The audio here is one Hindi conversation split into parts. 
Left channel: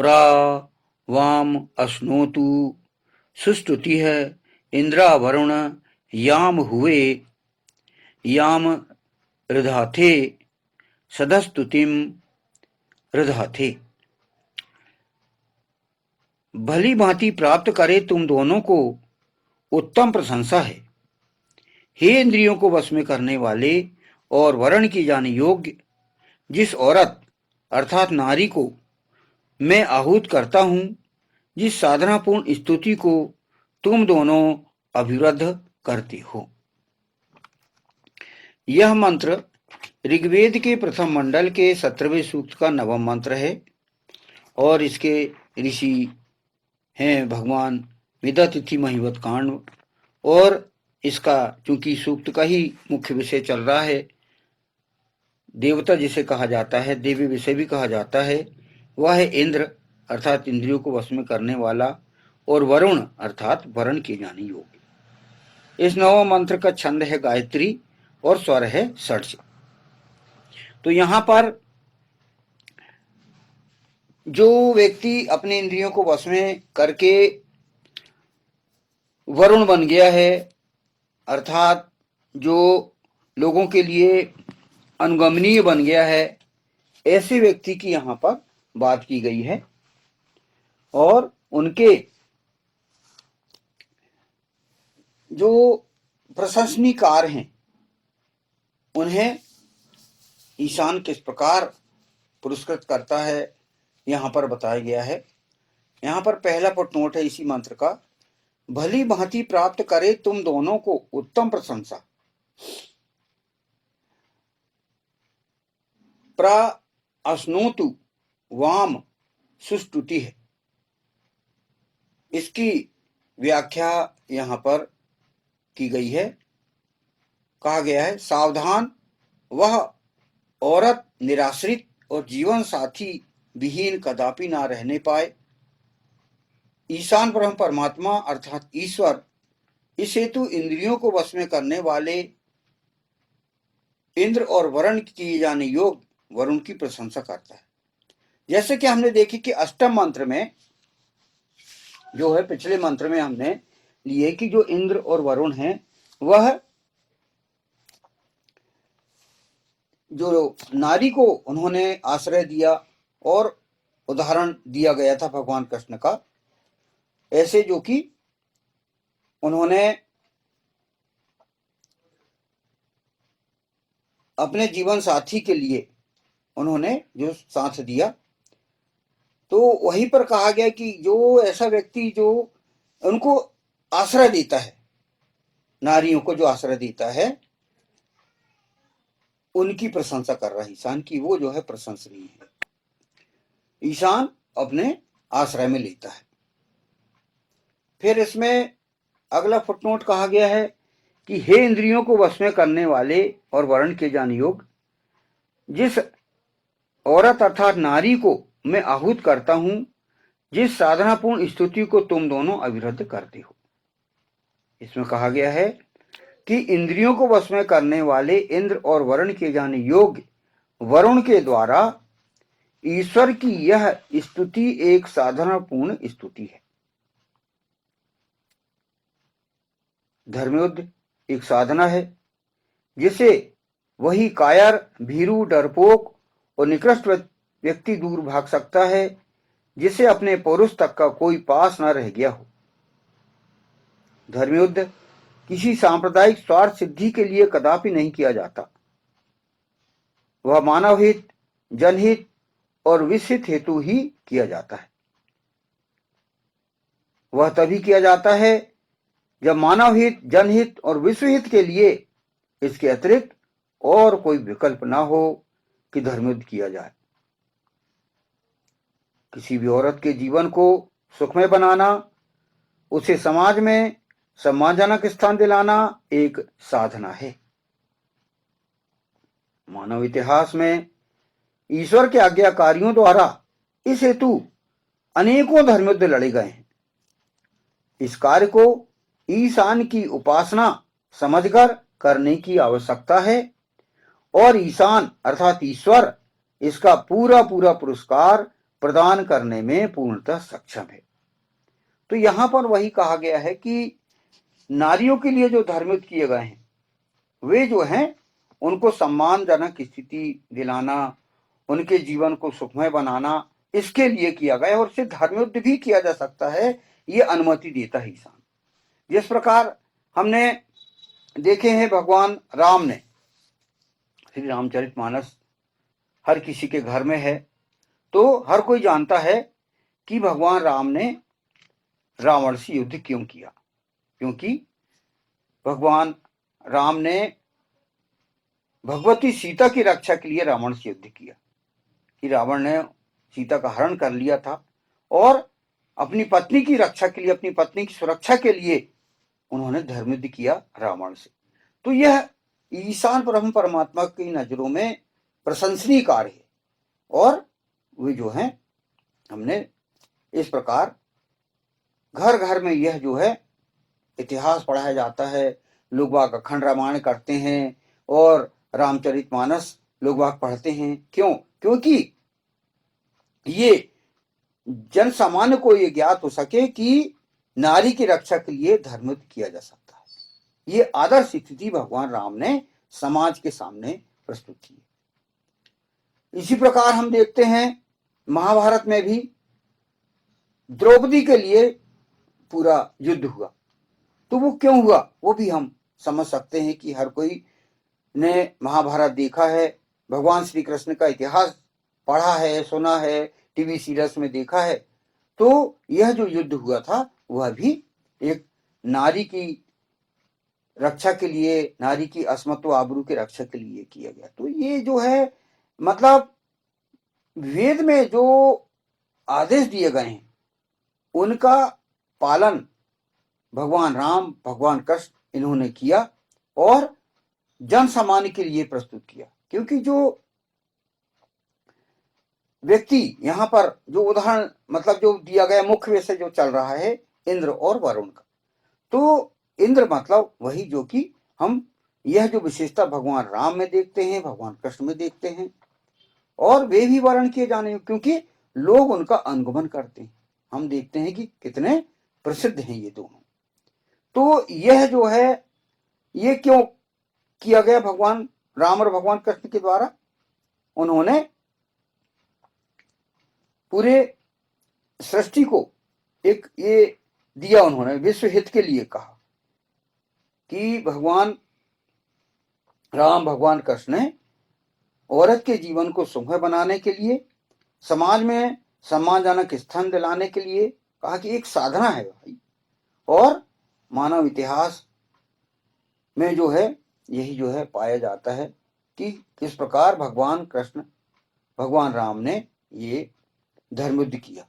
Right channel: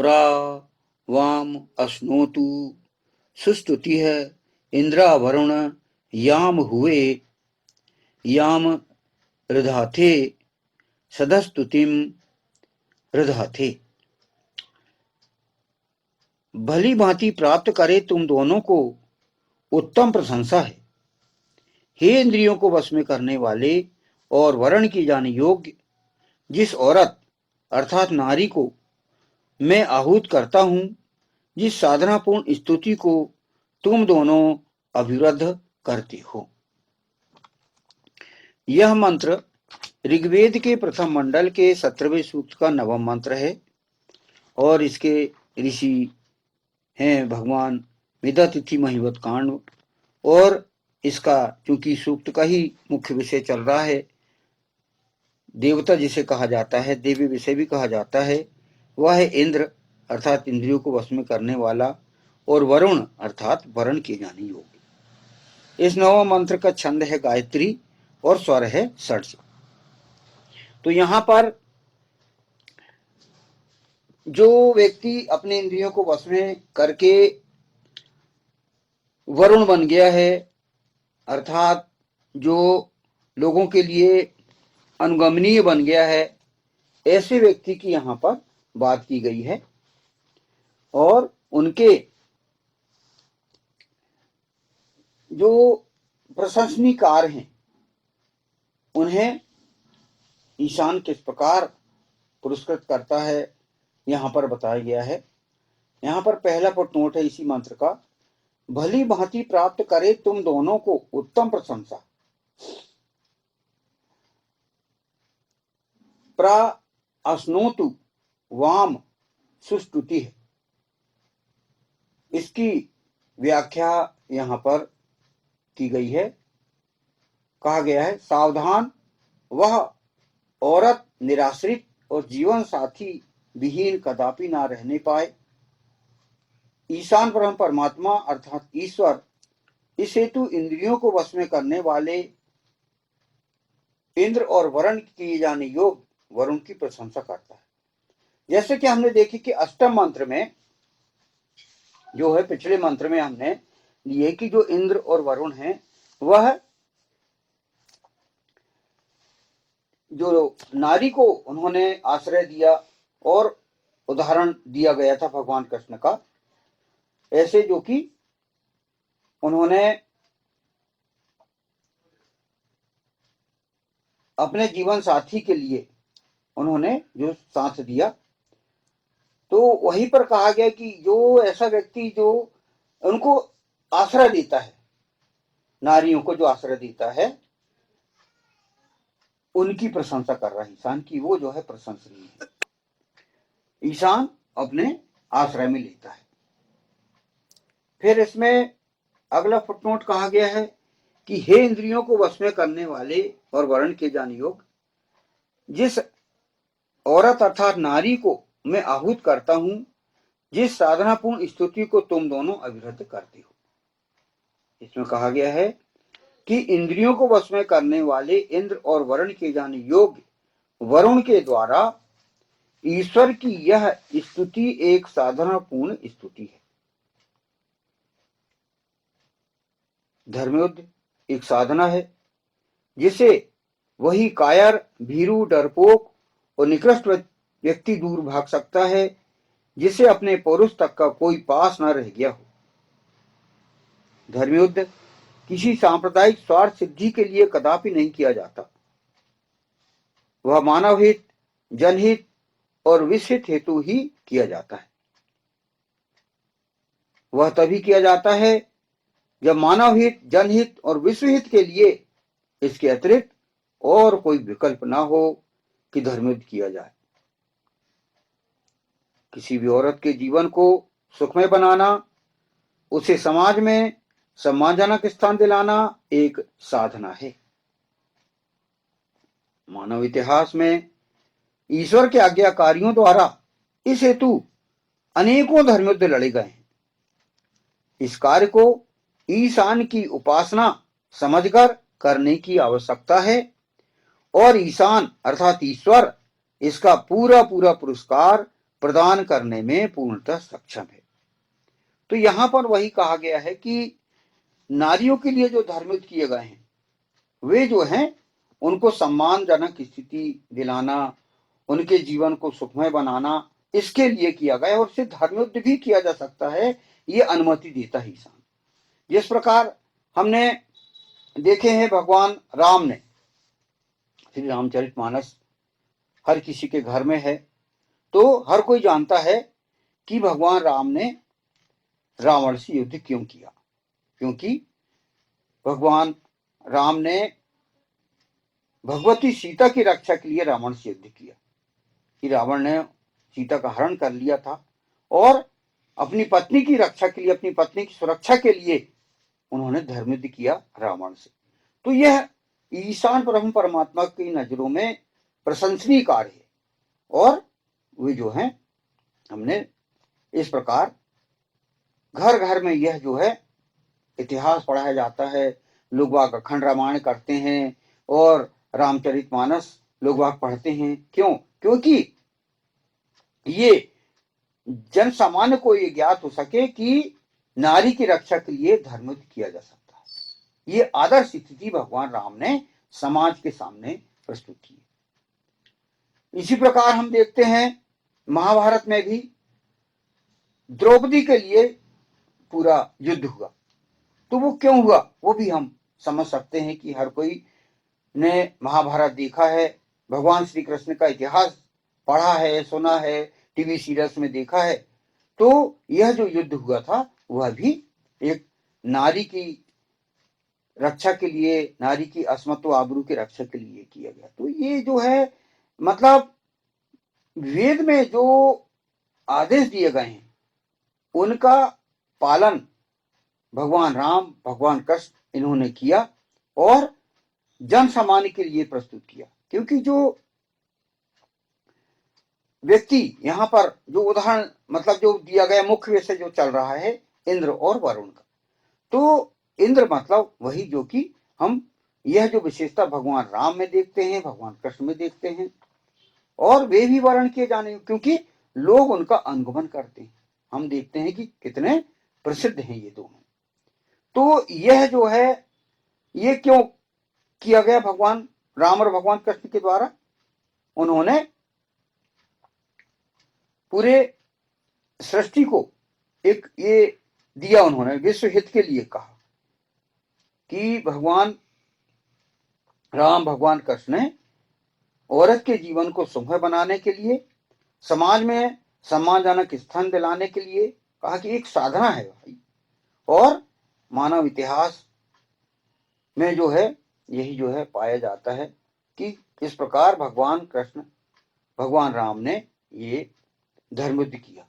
प्रा वाम अश्नोतु सुस्तुति है इंद्रा वरुण याम हुए याम रधाथे सदस्तुतिम रधाथे। भली भांति प्राप्त करे तुम दोनों को उत्तम प्रशंसा है। हे इंद्रियों को वश में करने वाले और वर्ण की जाने योग्य, जिस औरत अर्थात नारी को मैं आहूत करता हूं, जिस साधनापूर्ण स्तुति को तुम दोनों अभिवृद्ध करते हो। यह मंत्र ऋग्वेद के प्रथम मंडल के 17वें सूक्त का 9वां मंत्र है और इसके ऋषि हैं भगवान मिदातिथि महिवत कांड। और इसका चूंकि सूक्त का ही मुख्य विषय चल रहा है, देवता जिसे कहा जाता है, देवी विषय भी कहा जाता है, वह है इंद्र अर्थात इंद्रियों को वश में करने वाला, और वरुण अर्थात वर्ण किए जाने योग्य। इस 9वें मंत्र का छंद है गायत्री और स्वर है षड्ज। तो यहां पर जो व्यक्ति अपने इंद्रियों को वश में करके वरुण बन गया है, अर्थात जो लोगों के लिए अनुगमनीय बन गया है, ऐसे व्यक्ति की यहां पर बात की गई है। और उनके जो प्रशंसनीय कार्य हैं उन्हें ईशान किस प्रकार पुरस्कृत करता है यहां पर बताया गया है। यहां पर पहला फुटनोट है इसी मंत्र का, भली भांति प्राप्त करे तुम दोनों को उत्तम प्रशंसा। प्रा अश्नोतु वाम सुस्तुति है। इसकी व्याख्या यहां पर की गई है। कहा गया है, सावधान वह औरत निराश्रित और जीवन साथी विहीन कदापि ना रहने पाए। ईशान ब्रह्म परमात्मा अर्थात ईश्वर इस हेतु इंद्रियों को वश में करने वाले इंद्र और वरुण किए जाने योग्य वरुण की प्रशंसा करता है। जैसे कि हमने देखी कि अष्टम मंत्र में जो है, पिछले मंत्र में हमने लिए कि जो इंद्र और वरुण हैं वह जो नारी को उन्होंने आश्रय दिया और उदाहरण दिया गया था भगवान कृष्ण का, ऐसे जो कि उन्होंने अपने जीवन साथी के लिए उन्होंने जो साथ दिया, तो वहीं पर कहा गया कि जो ऐसा व्यक्ति जो उनको आश्रय देता है, नारियों को जो आश्रय देता है, उनकी प्रशंसा कर रहा है ईशान की, वो जो है प्रशंसनीय है। ईशान अपने आश्रय में लेता है। फिर इसमें अगला फुटनोट कहा गया है कि हे इंद्रियों को वश में करने वाले और वर्ण के जाने योग्य, जिस औरत अर्थात नारी को मैं आहूत करता हूं, जिस साधनापूर्ण स्तुति को तुम दोनों अविरुद्ध करते हो। इसमें कहा गया है कि इंद्रियों को वश में करने वाले इंद्र और वरुण के जाने योग्य वरुण के द्वारा ईश्वर की यह स्तुति एक साधनापूर्ण स्तुति है। धर्मयुद्ध एक साधना है जिसे वही कायर, भीरू, डरपोक और निकृष्ट व्यक्ति दूर भाग सकता है जिसे अपने पौरुष तक का कोई पास न रह गया हो। धर्मयुद्ध किसी सांप्रदायिक स्वार्थ सिद्धि के लिए कदापि नहीं किया जाता। वह मानव हित, जनहित और विश्वहित हेतु ही किया जाता है। वह तभी किया जाता है जब मानव हित, जनहित और विश्वहित के लिए इसके अतिरिक्त और कोई विकल्प ना हो कि धर्मयुद्ध किया जाए। किसी भी औरत के जीवन को सुखमय बनाना, उसे समाज में सम्मानजनक स्थान दिलाना एक साधना है। मानव इतिहास में ईश्वर के आज्ञाकारियों द्वारा इस हेतु अनेकों धर्मयुद्ध लड़े गए हैं। इस कार्य को ईशान की उपासना समझकर करने की आवश्यकता है और ईशान अर्थात ईश्वर इसका पूरा पूरा पुरस्कार प्रदान करने में पूर्णतः सक्षम है। तो यहाँ पर वही कहा गया है कि नारियों के लिए जो धर्मयुद्ध किए गए हैं वे जो हैं उनको सम्मानजनक स्थिति दिलाना, उनके जीवन को सुखमय बनाना, इसके लिए किया गया। और उससे धर्मयुद्ध भी किया जा सकता है, ये अनुमति देता है ईशान। जिस प्रकार हमने देखे हैं भगवान राम ने, श्री रामचरितमानस हर किसी के घर में है, तो हर कोई जानता है कि भगवान राम ने रावण से युद्ध क्यों किया। क्योंकि भगवान राम ने भगवती सीता की रक्षा के लिए रावण से युद्ध किया कि रावण ने सीता का हरण कर लिया था और अपनी पत्नी की रक्षा के लिए, अपनी पत्नी की सुरक्षा के लिए उन्होंने धर्मयुद्ध किया रावण से। तो यह ईशान ब्रह्म परमात्मा की नजरों में प्रशंसनीय कार्य है। और वे जो हैं, हमने इस प्रकार घर घर में यह जो है इतिहास पढ़ाया जाता है, लोग वाग अखंड रामायण करते हैं और रामचरितमानस लोग वाग पढ़ते हैं। क्यों? क्योंकि ये जन सामान्य को ये ज्ञात हो सके कि नारी की रक्षा के लिए धर्मयुद्ध किया जा सकता है। ये आदर्श स्थिति भगवान राम ने समाज के सामने प्रस्तुत की। इसी प्रकार हम देखते हैं महाभारत में भी द्रौपदी के लिए पूरा युद्ध हुआ। तो वो क्यों हुआ वो भी हम समझ सकते हैं कि हर कोई ने महाभारत देखा है, भगवान श्री कृष्ण का इतिहास पढ़ा है, सुना है, टीवी सीरियल्स में देखा है। तो यह जो युद्ध हुआ था वह भी एक नारी की रक्षा के लिए, नारी की अस्मत्व आबरू की रक्षा के लिए किया गया। तो ये जो है मतलब वेद में जो आदेश दिए गए हैं उनका पालन भगवान राम, भगवान कृष्ण इन्होंने किया और जन सामान्य के लिए प्रस्तुत किया। क्योंकि जो व्यक्ति यहाँ पर जो उदाहरण मतलब जो दिया गया मुख्य विषय जो चल रहा है इंद्र और वरुण का, तो इंद्र मतलब वही जो कि हम यह जो विशेषता भगवान राम में देखते हैं, भगवान कृष्ण में देखते हैं और वे भी वर्ण किए जाने क्योंकि लोग उनका अनुगमन करते हैं। हम देखते हैं कि कितने प्रसिद्ध हैं ये दोनों। तो यह जो है ये क्यों किया गया भगवान राम और भगवान कृष्ण के द्वारा? उन्होंने पूरे सृष्टि को एक ये दिया, उन्होंने विश्व हित के लिए कहा कि भगवान राम, भगवान कृष्ण ने औरत के जीवन को सुखमय बनाने के लिए, समाज में सम्मानजनक स्थान दिलाने के लिए कहा कि एक साधना है भाई। और मानव इतिहास में जो है यही जो है पाया जाता है कि किस प्रकार भगवान कृष्ण, भगवान राम ने ये धर्मयुद्ध किया।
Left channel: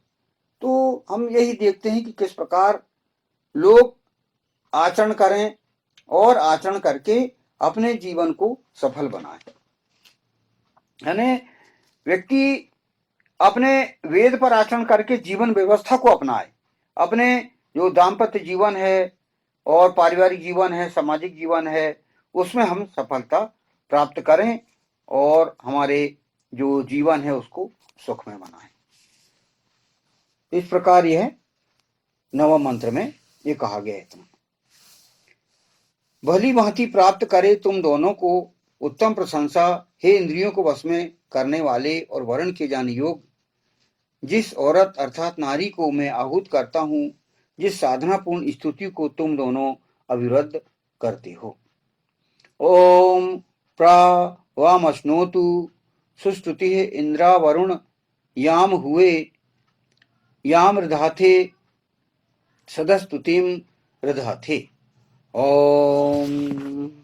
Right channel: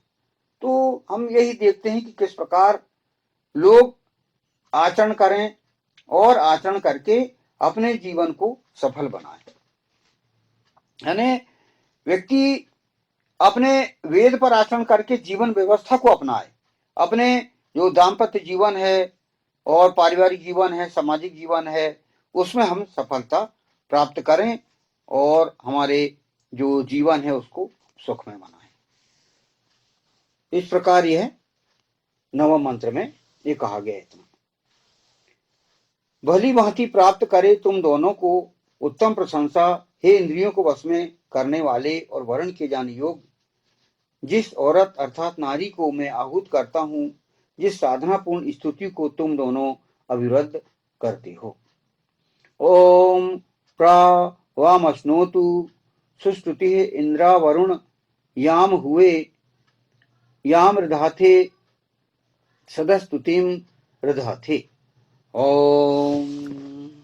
तो हम यही देखते हैं कि किस प्रकार लोग आचरण करें और आचरण करके अपने जीवन को सफल बनाए। यानी व्यक्ति अपने वेद पर आचरण करके जीवन व्यवस्था को अपनाए, अपने जो दाम्पत्य जीवन है और पारिवारिक जीवन है, सामाजिक जीवन है, उसमें हम सफलता प्राप्त करें और हमारे जो जीवन है उसको सुखमय बनाएं। इस प्रकार यह नवम मंत्र में ये कहा गया है। भली भांति प्राप्त करे तुम दोनों को उत्तम प्रशंसा, हे इंद्रियों को वश में करने वाले और वर्ण किए जाने योग्य, जिस औरत अर्थात नारी को मैं आहूत करता हूं, जिस साधनापूर्ण स्तुति को तुम दोनों अविरुद्ध करते हो। ओम प्रावामश्नोतु सुस्तुति इंद्रा वरुण याम हुए याम रधाथे सदस्तुतिम रधाथे। ओम।